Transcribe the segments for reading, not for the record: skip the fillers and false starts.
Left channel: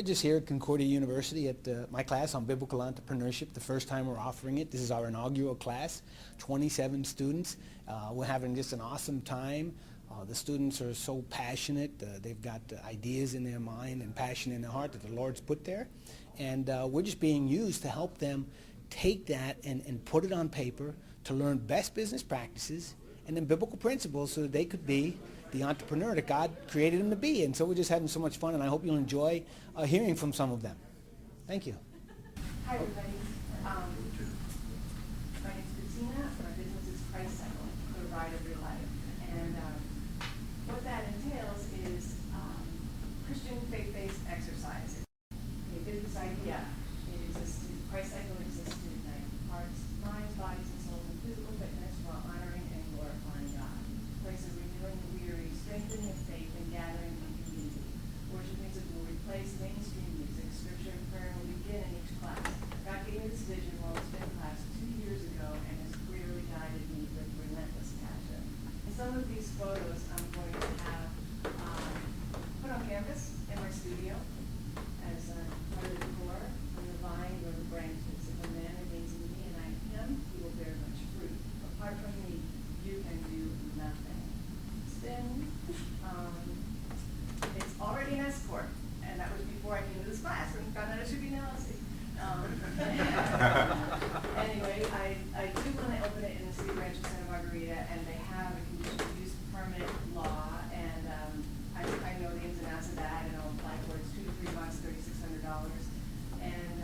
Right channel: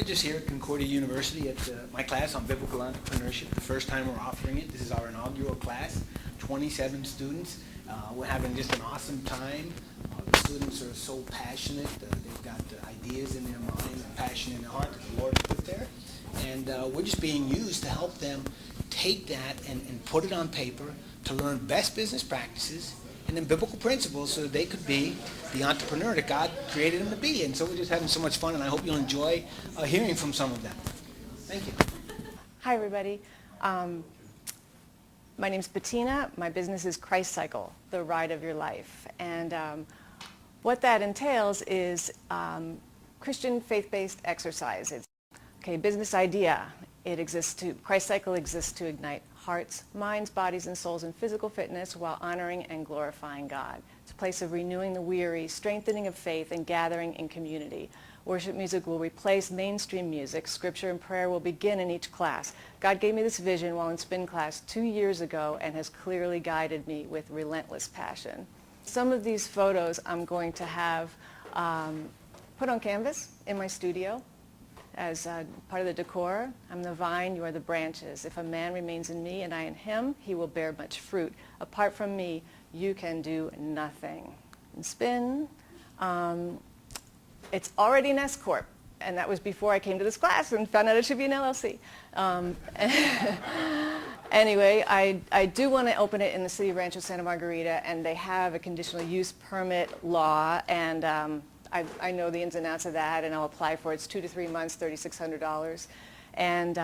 We're just here at Concordia University at my class on biblical entrepreneurship, the first time we're offering it. This is our inaugural class, 27 students. We're having just an awesome time. The students are so passionate. They've got ideas in their mind and passion in their heart that the Lord put there. And we're just being used to help them take that and put it on paper to learn best business practices and then biblical principles so that they could be the entrepreneur that God created them to be. And so we're just having so much fun, and I hope you'll enjoy hearing from some of them. Thank you. Hi, everybody. My name's Bettina. My business is Christ Cycle, the ride of your life. And what that entails is Christian faith-based exercise. It's business idea. Christ Cycle exists to ignite hearts, minds, bodies, and souls in physical fitness while honoring and glorifying God. It's a place of renewing the weary, strengthening of faith, and gathering in community. Worship music will replace mainstream music. Scripture and prayer will begin in each class. God gave me this vision while in spin class 2 years ago and has clearly guided me with relentless passion. Some of these photos I'm going to have put on canvas in my studio as part of the decor. I'm the vine, you are the branches. If a man remains in me and I in him, he will bear much fruit. Apart from me, you can do nothing. And spin, it's already an S Corp, and that was before I came to this class and found out it should be an LLC. Anyway, I do want to open it in the city of Rancho Santa Margarita, and they have a conditional use permit law, and I know the ins and outs of that, and I'll apply for it. It's 2 to 3 months, $3,600. And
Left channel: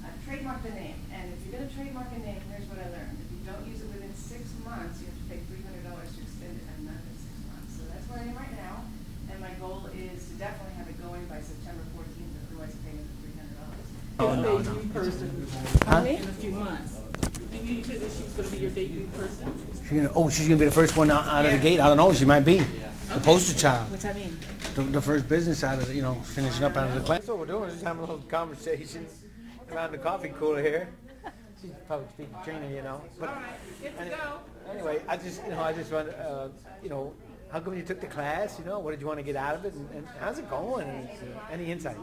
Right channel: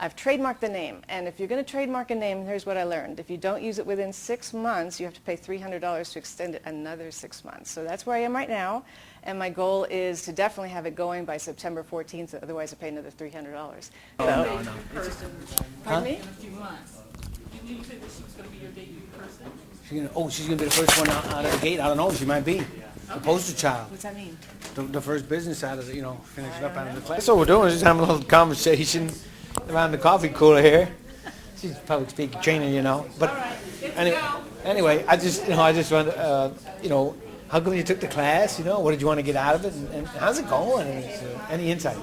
I've trademarked the name. And if you're going to trademark a name, here's what I learned. If you don't use it within 6 months, you have to pay $300 to extend it another 6 months. So that's where I am right now. And my goal is to definitely have it going by September 14th. Otherwise, I pay another $300. Pardon me? In a few months. You said that she's going to be your debut person? She's going to be the first one out of the gate. I don't know. She might be. The poster child. What's that mean? The first business out of the, finishing up out of the class. So we're doing is just having a little conversation around the coffee cooler here. She's public speaking training, But anyway, I just want, how come you took the class? What did you want to get out of it? And how's it going? Any insights?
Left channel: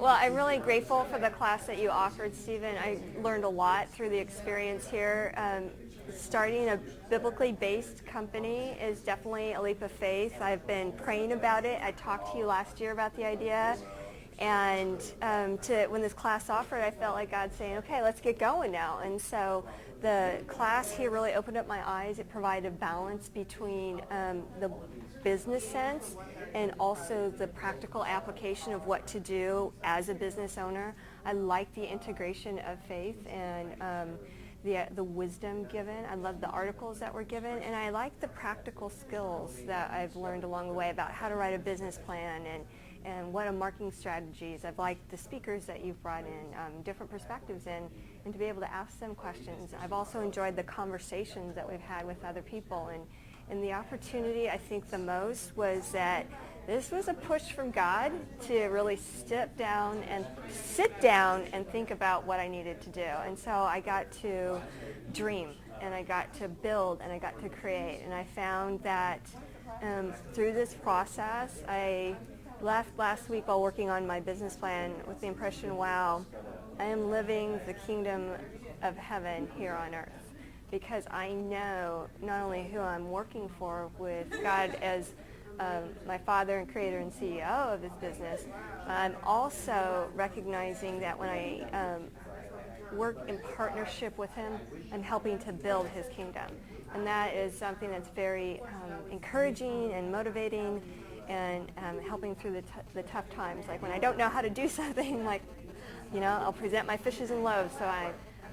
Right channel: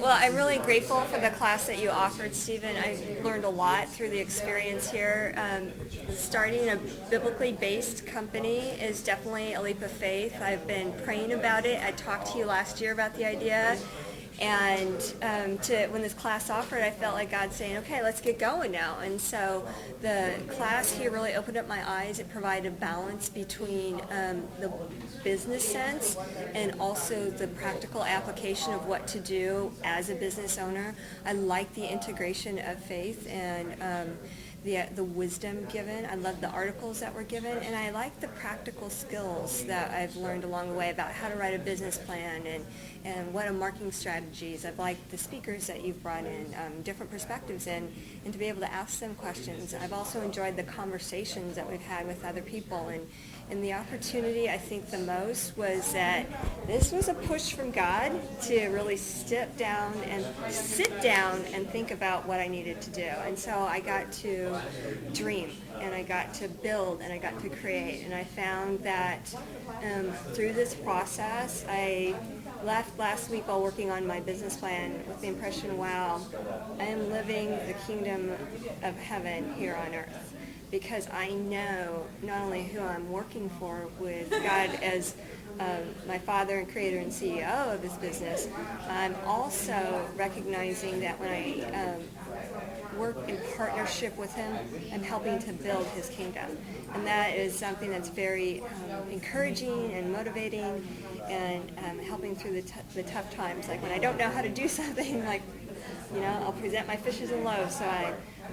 Well, I'm really grateful for the class that you offered, Stephen. I learned a lot through the experience here. Starting a biblically based company is definitely a leap of faith. I've been praying about it. I talked to you last year about the idea. And when this class offered, I felt like God saying, okay, let's get going now. And so the class here really opened up my eyes. It provided balance between the business sense and also the practical application of what to do as a business owner. I like the integration of faith and the wisdom given. I love the articles that were given, and I like the practical skills that I've learned along the way about how to write a business plan and what are marketing strategies. I've liked the speakers that you've brought in, different perspectives and to be able to ask them questions. I've also enjoyed the conversations that we've had with other people, and the opportunity I think the most was that this was a push from God to really sit down and think about what I needed to do. And so I got to dream, and I got to build, and I got to create. And I found that through this process, I left last week while working on my business plan with the impression, wow, I am living the kingdom of heaven here on earth. Because I know not only who I'm working for with God as my father and creator and CEO of this business, I'm also recognizing that when I work in partnership with him, I'm helping to build his kingdom. And that is something that's very encouraging and motivating and helping through the tough times. Like when I don't know how to do something, I'll present my fishes and loaves. So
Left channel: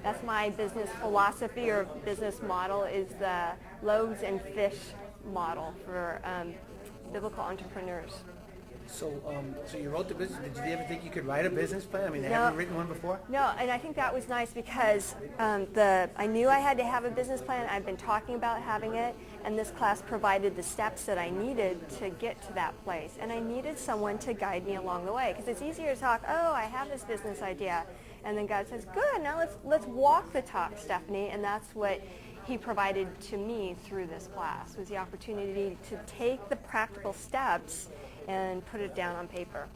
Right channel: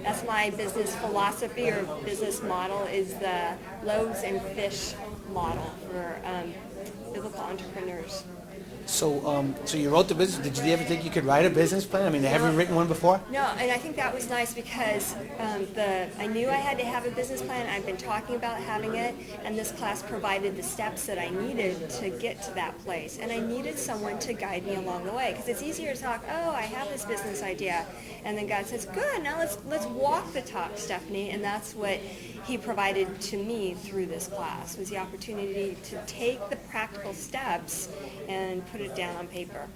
that's my business philosophy or business model, is the loaves and fish model for biblical entrepreneurs. So you wrote the business. Did you ever think you could write a business plan? I mean, have you written one before? No, and I think that was nice because I knew I had to have a business plan. I've been talking about having it, and this class provided the steps that I needed to get to that place. And I needed someone to guide me along the way, because it's easier to talk, I have this business idea, and then God says, good, now let's walk the talk, Stephanie, and that's what he provided to me through this class, was the opportunity to take the practical steps and put it down on paper.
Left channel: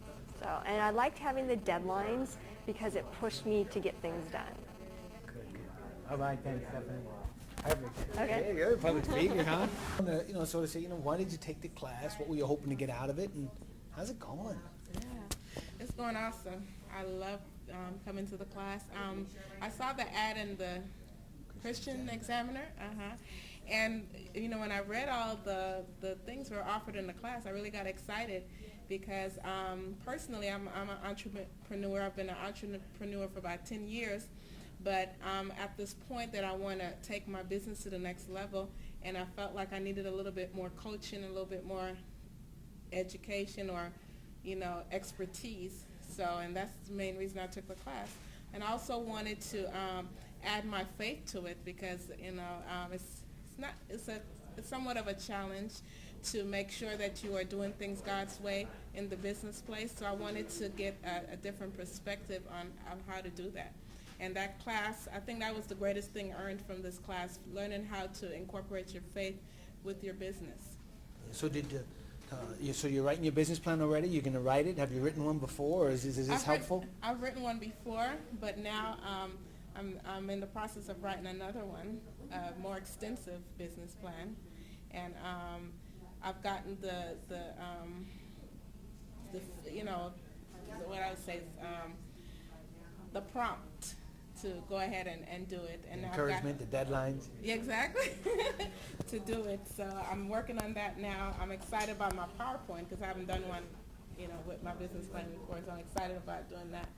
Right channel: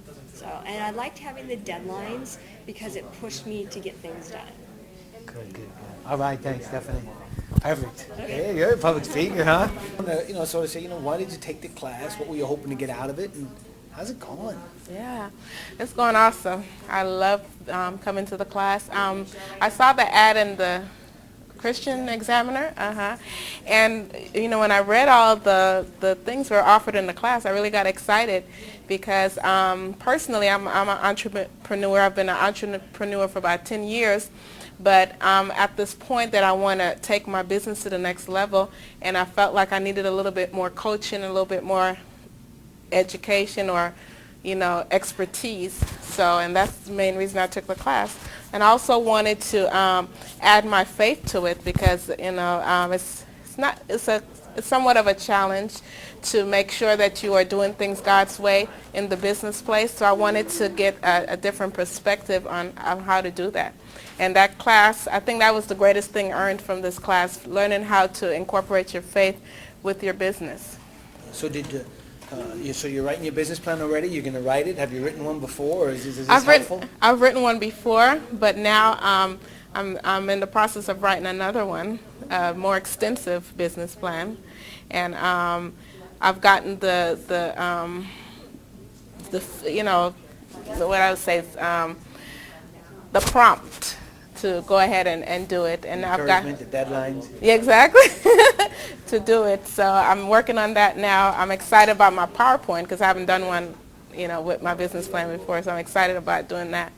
So, and I liked having the deadlines because it pushed me to get things done. Good. All right, thanks, Stephanie. Perfect. Okay, you're a public speaker, huh? Sort of say, why did you take the class? What were you hoping to get out of it? And how's it going? Yeah, it's going awesome. I love coming to the class. I saw the ad in the Christian Examiner, and when I read all the things were offered in the class, I really got excited because personally I'm an entrepreneur. I've been an entrepreneur for about 10 years, but at this point that I want to take my business to the next level, and I felt like I needed a little bit more coaching, a little bit more education or expertise. So, and that's the main reason I took the class. And I also wanted to add my faith to it because it's somewhat of a challenge to make sure that you are doing things God's way in the business place. So I wanted to get a different perspective on how to do that. And that class, I think that was the greatest thing earned from this class, learning how to incorporate your faith with your business. So so you're writing your business plan already? You're going to write it? Have you written one before, or is this helpful? I've written one before, but now I'm in the process of writing another one, a more extensive business plan, and I've gotten the what I would say is the prompt to go ahead and do it, and I've got the deadlines. Yeah, exactly. To do it. So I'm working on that now. I'm excited about my PowerPoint because I haven't done one, with my business plan before. So I'm excited about doing that.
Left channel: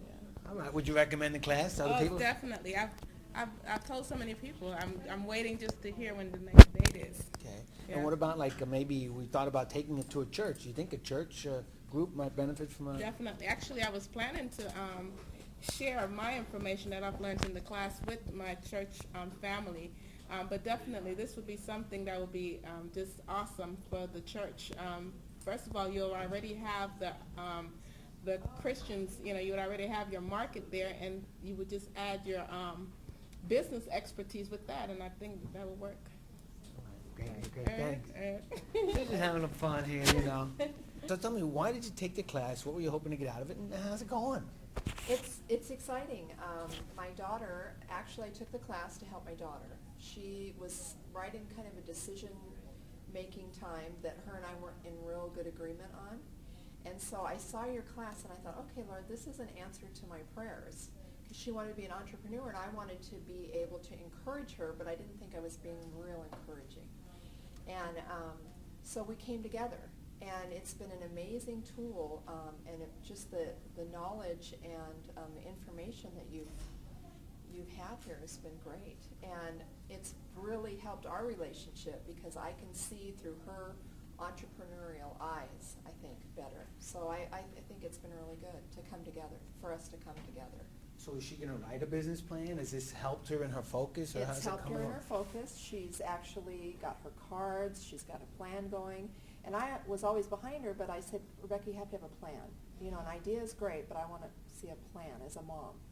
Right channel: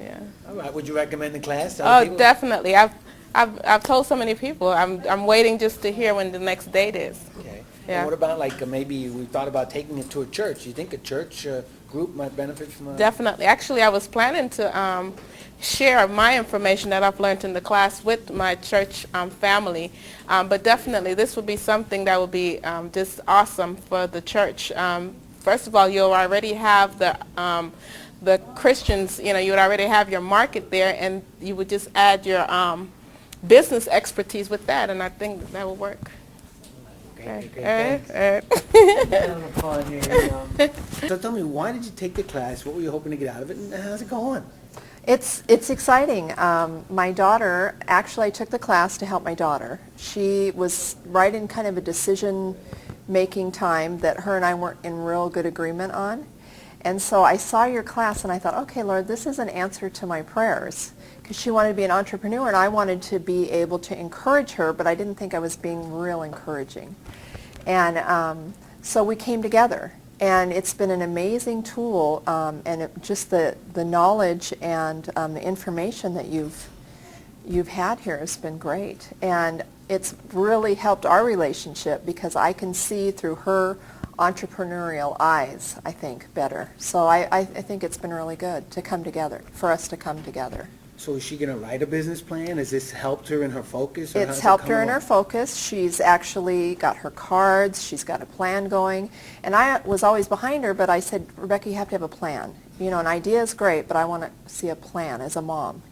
Yeah. All right. Would you recommend the class? Oh, definitely. I've told so many people. I'm waiting just to hear when the next date is. Okay. Yeah. And what about maybe we thought about taking it to a church? Do you think a church group might benefit from that? Definitely. Actually, I was planning to share my information that I've learned in the class with my church family. But definitely this would be something that would be just awesome for the church. First of all, you'll already have the Christians, you would already have your market there, and you would just add your business expertise with that, and I think that will work. Okay, fun here. So tell me, why did you take the class? What were you hoping to get out of it, and how's it going? It's exciting. My daughter, actually I took the class to help my daughter. She was right in kind of a decision-making time that her and I weren't in real good agreement on. And so I saw your class and I thought, okay, Lord, this is an answer to my prayers. Because she wanted to be an entrepreneur and I wanted to be able to encourage her, but I didn't think I was being real encouraging. And so we came together. And it's been an amazing tool, and just the knowledge and the information that you've had here has been great. And it's really helped our relationship because I can see through her entrepreneurial eyes, I think, better. So I think it's been really good to come together, for us to come together. So is she going to write a business plan? Has this helped her in her focus? Or It's helped her in her focus. She's actually got her cards. She's got a plan going. And I was always behind her, but I said, Rebecca, you have to have a plan. An idea is great, but I want to see a plan as a mom.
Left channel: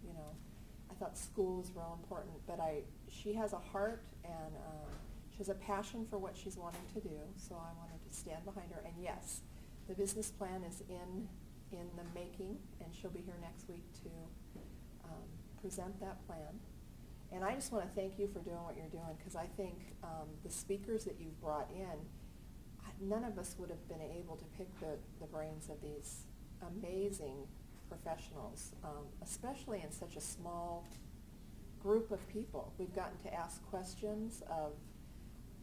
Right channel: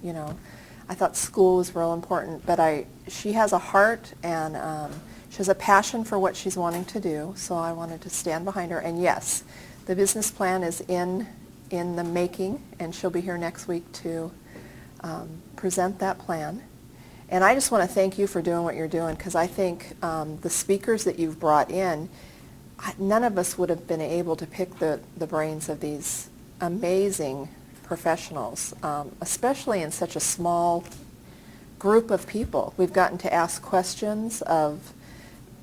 I thought school was real important, but she has a heart and she has a passion for what she's wanting to do, so I wanted to stand behind her. And yes, the business plan is in the making, and she'll be here next week to present that plan. And I just want to thank you for doing what you're doing, because I think the speakers that you've brought in, none of us would have been able to pick the brains of these amazing professionals, especially in such a small group of people. We've gotten to ask questions of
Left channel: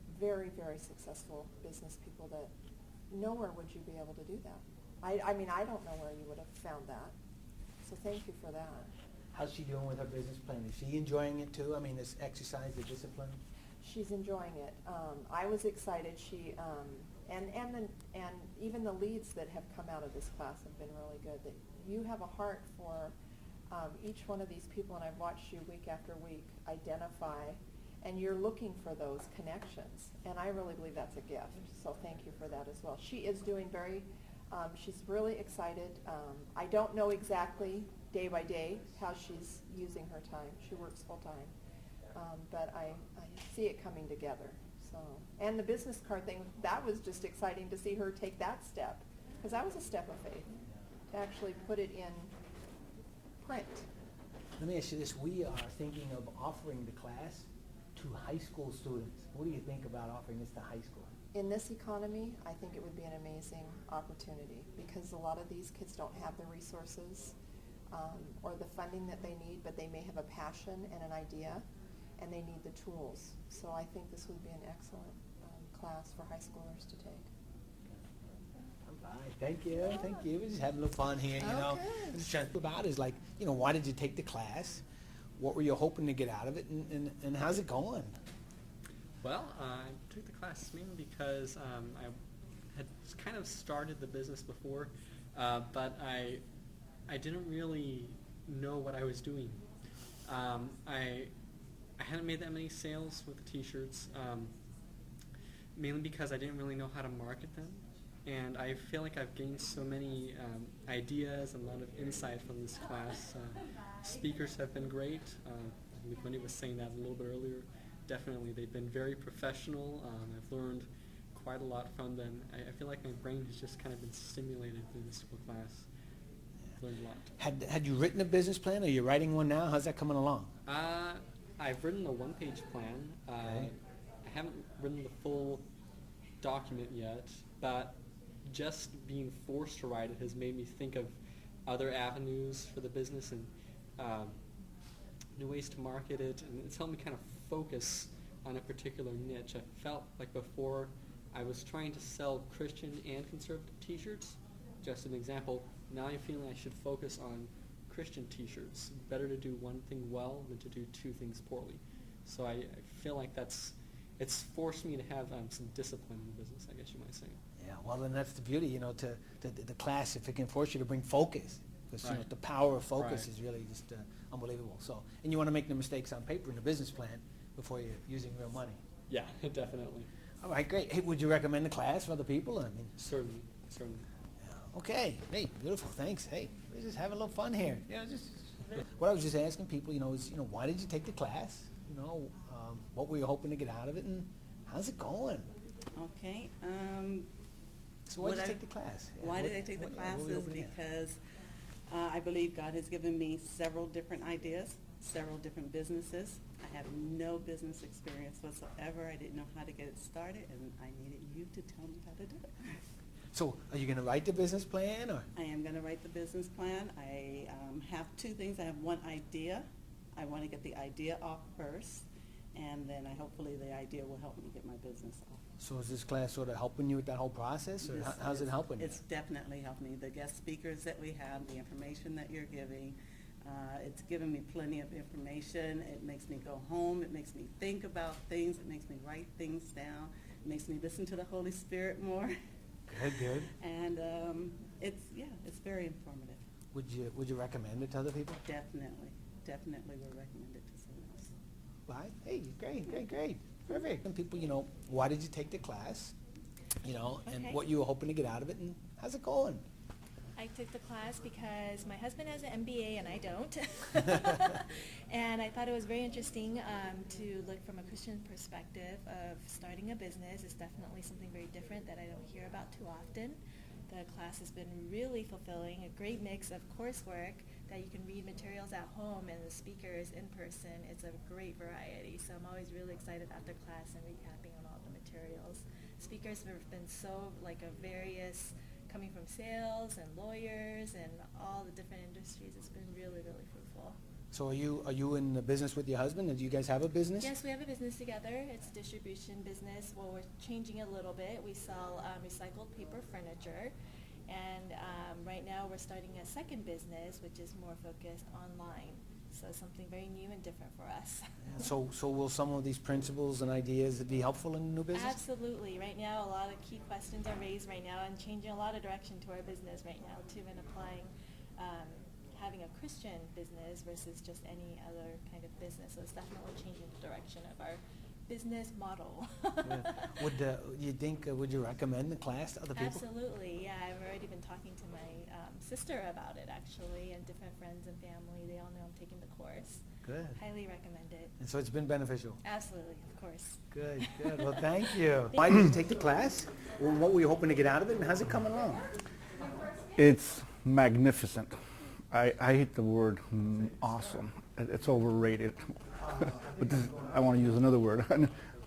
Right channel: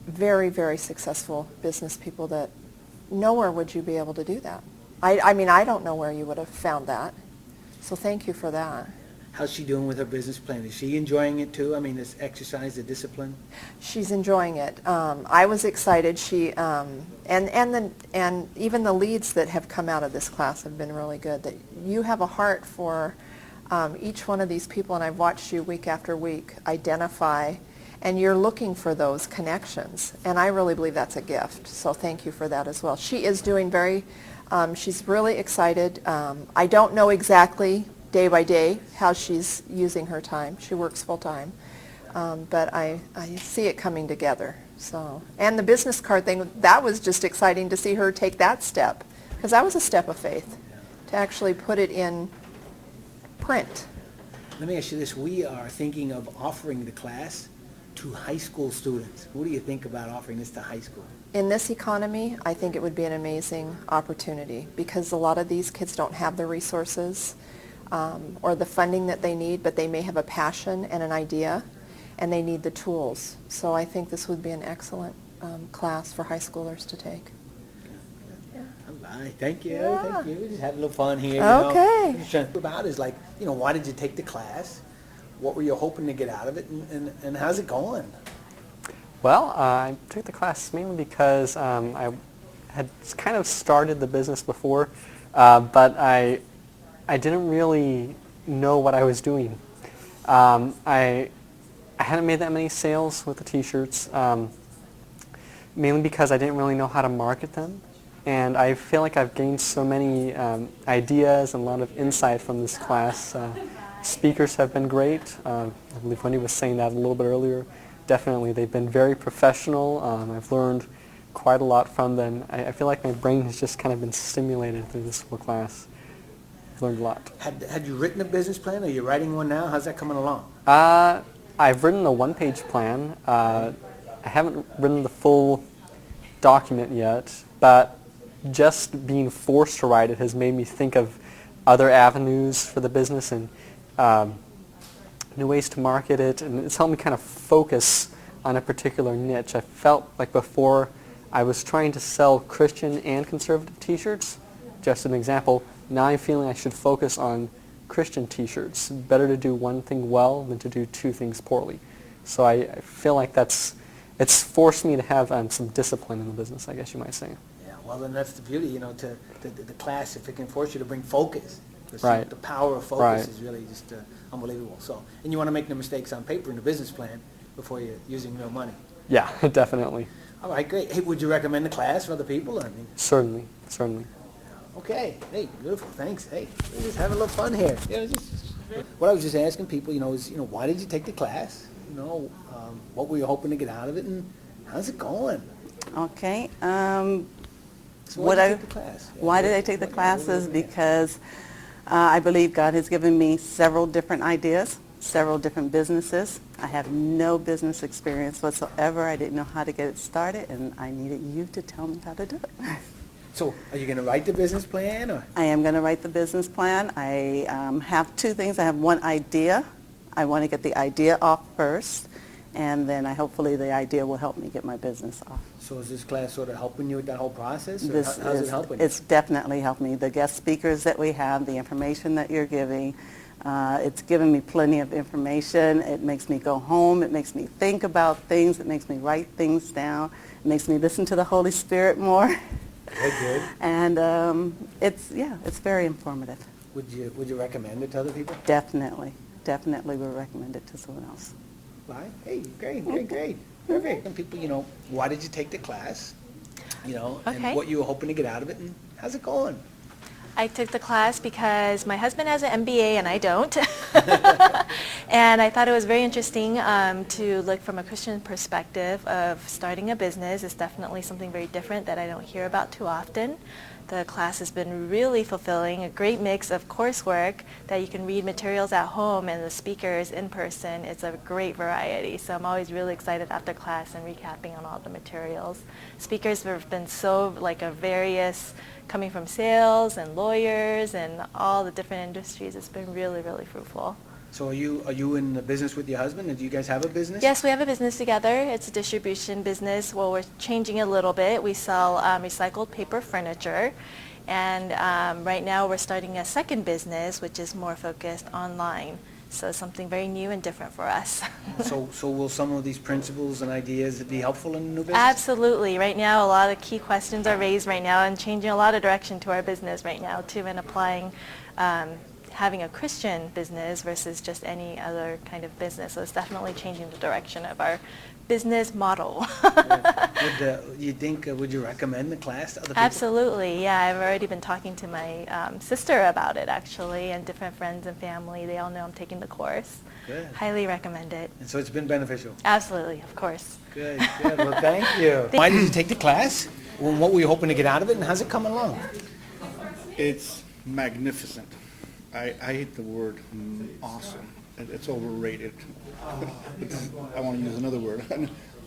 very, very successful business people that nowhere would you be able to do that. I mean, I don't know where you would have found that. So thank you for that. How's she doing with her business plan? Is she enjoying it too? I mean, this exercise, the discipline? She's enjoying it. I was excited. She and even the leads that have come out of this class have been really good. That you have a heart for each one of these people, and I've watched you week after week identify, and you're looking for those connections. And I really believe that's a gift. So thank you for that as well. She is doing she's really excited. I don't know exactly day by day how she's using her time. She works full time. But I see it coming together. So, and the business card thing, that was just exciting to see her take that step, because that was a step of faith, to actually put it in print. Let me ask you this. We are thinking of offering the class to high school students. What do you think about offering this to high school? In this economy, I think it would be an amazing opportunity because a lot of these kids don't have the resources or the funding that they need, but they may have a passion and an idea, and they need the tools. So I think this would be an excellent class for high schoolers to take. All right, thank you, Yeah. thank you. We're just having a little fun here. Okay. What I'm trying to think about is like, why did you take the class? What were you hoping to get out of it, and how's it going? Well, I took the class mainly because I had kind of started the business before, but I didn't really know what I was doing. I hadn't made that many sales with the t-shirts, mainly because I didn't really know how to market them. And I feel like I've gained so many ideas and a lot of insight from this class. Speakers have been great. I believe Wendy was saying that a little bit earlier. Definitely, they've been very professional. I've learned quite a lot from them. I feel like my brain has just kind of been stimulated through this whole class. I've learned a lot. Had you written a business plan? Are you writing one now? How's that coming along? I've written a one-page plan. I haven't written the full document yet, but just being forced to write it has made me think of other avenues for the business and new ways to market it, and it's helped me kind of focus on a particular niche. I felt like before I was trying to sell Christian and conservative t-shirts. Just an example, now I'm feeling I should focus on Christian t-shirts. Better to do one thing well than to do two things poorly. So I feel like it's forced me to have some discipline in the business, I guess you might say. Yeah, well, and that's the beauty, to the class, if it can force you to bring focus. Right. The power of focus Right. is really just unbelievable. So, and you want to make no mistakes on paper in the business plan before you're using real money. Yeah, definitely. All right, great. Hey, would you recommend the class for other people? Certainly, certainly. Okay. Hey, beautiful. Thanks. Hey, we're just having a little fun here. What I was just asking people, is, why did you take the class? What were you hoping to get out of it, and how's it going? Okay. So why did you take the class? Why did I take the classes? Because I believe God has given me several different ideas, several different businesses. I have no business experience whatsoever. I didn't know how to get it started, and I needed you to tell me how to do it. So, are you going to write the business plan, or? I am going to write the business plan. I have two things. I have one idea. I want to get the idea off first, and then hopefully the idea will help me get my business off. So is this class sort of helping you with that whole process, or how's it helping you? It's definitely helped me. The guest speakers that we have, the information that you're giving, it's given me plenty of information. It makes me go home. It makes me think about things. It makes me write things down. It makes me listen to the Holy Spirit more. Good. And it's very informative. Would you recommend it to other people? Definitely would recommend it to someone else. Right. Hey, great. Perfect. And people, why did you take the class? Okay. And what you were hoping to get out of it, and how's it going? I took the class because my husband has an MBA and I don't. And I thought it was very interesting to look from a Christian perspective of starting a business. It's definitely something very different that I don't hear about too often. The class has been really fulfilling, a great mix of coursework that you can read materials at home and the speakers in person. It's a great variety. So I'm always really excited after class and recapping on all the materials. Speakers have been so various, coming from sales and lawyers and all the different industries. It's been really, really fruitful. So are you in the business with your husband? Do you guys have a business? Yes, we have a business together. It's a distribution business. Well, we're changing it a little bit. We sell recycled paper furniture. And right now we're starting a second business, which is more focused online. So something very new and different for us. So will some of these principles and ideas be helpful in the new business? Absolutely. Right now, a lot of key questions are raised right now and changing a lot of direction to our business right now, too, and applying having a Christian business versus just any other kind of business. So it's definitely changing the direction of our business model. Would you recommend the class to other people? Absolutely, yeah. I've already been talking to my sister about it, actually, and different friends and family. They all know I'm taking the course. Good. Highly recommend it. And so it's been beneficial? Absolutely, of course. Good. Well, thank you. Why did you take the class? Well, what were you hoping to get out of it, and how's it coming along? It's magnificent. I hate the word awesome. It's overrated. I want to use another word.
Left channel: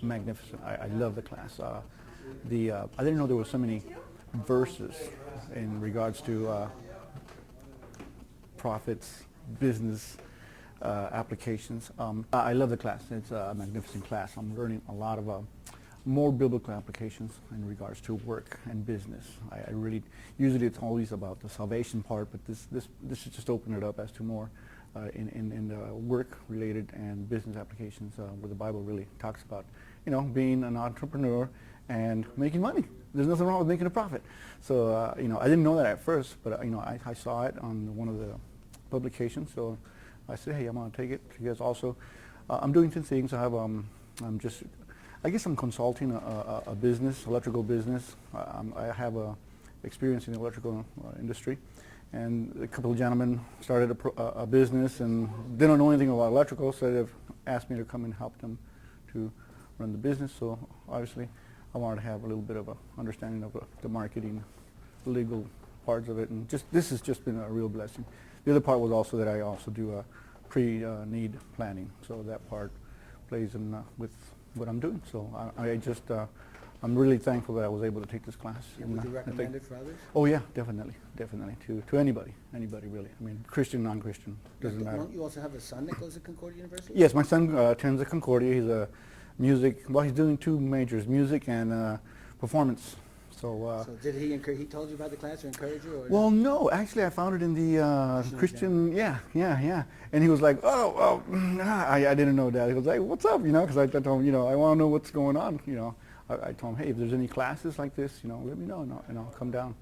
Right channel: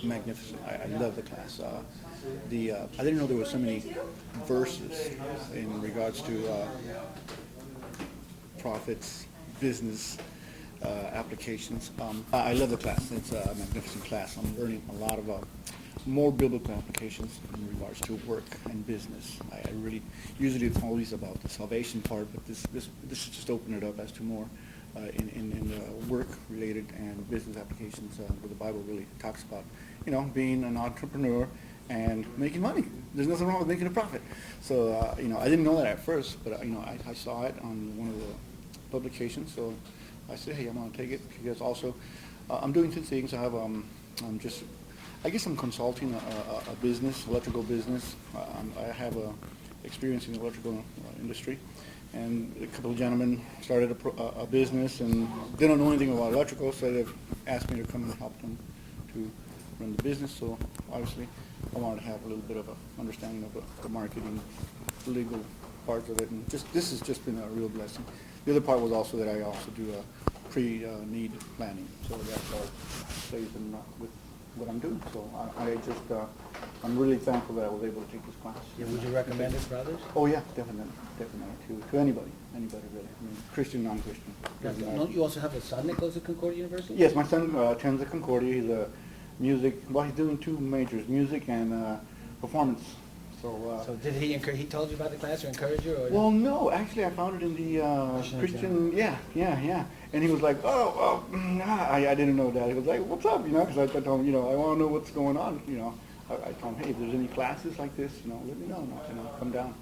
Magnificent. I love the class. I didn't know there were so many verses in regards to profits, business applications. I love the class. It's a magnificent class. I'm learning a lot of more biblical applications in regards to work and business. I really, usually it's always about the salvation part, but this should just open it up as to more in work-related and business applications where the Bible really talks about, being an entrepreneur and making money. There's nothing wrong with making a profit. So, I didn't know that at first, but, I saw it on one of the publications, so I said, hey, I'm going to take it because also I'm doing 2 things. I guess I'm consulting a business, electrical business. I have experience in the electrical industry, and a couple of gentlemen started a business and they don't know anything about electrical, so they've asked me to come and help them to run the business. So obviously, I wanted to have a little bit of an understanding of the marketing, the legal parts of it, and this has just been a real blessing. The other part was also that I also do pre-need planning, so that part plays in with what I'm doing. So I'm really thankful that I was able to take this class. Yeah, would you recommend it for others? Oh yeah, definitely, to anybody really. I mean, Christian, non-Christian. Don't you also have a son that goes to Concordia University? Yes, my son attends at Concordia. He's a music. Well, he's doing 2 majors: music and performance. So did he encourage? He told you about the class or encourage you? Or well, no, actually, I found it in the Christian. Yeah. And he was like, I didn't know that. He was like, what's up? Because I told him, I want to know what's going on. I told him, hey, if there's any classes like this, let me know. I'll come down.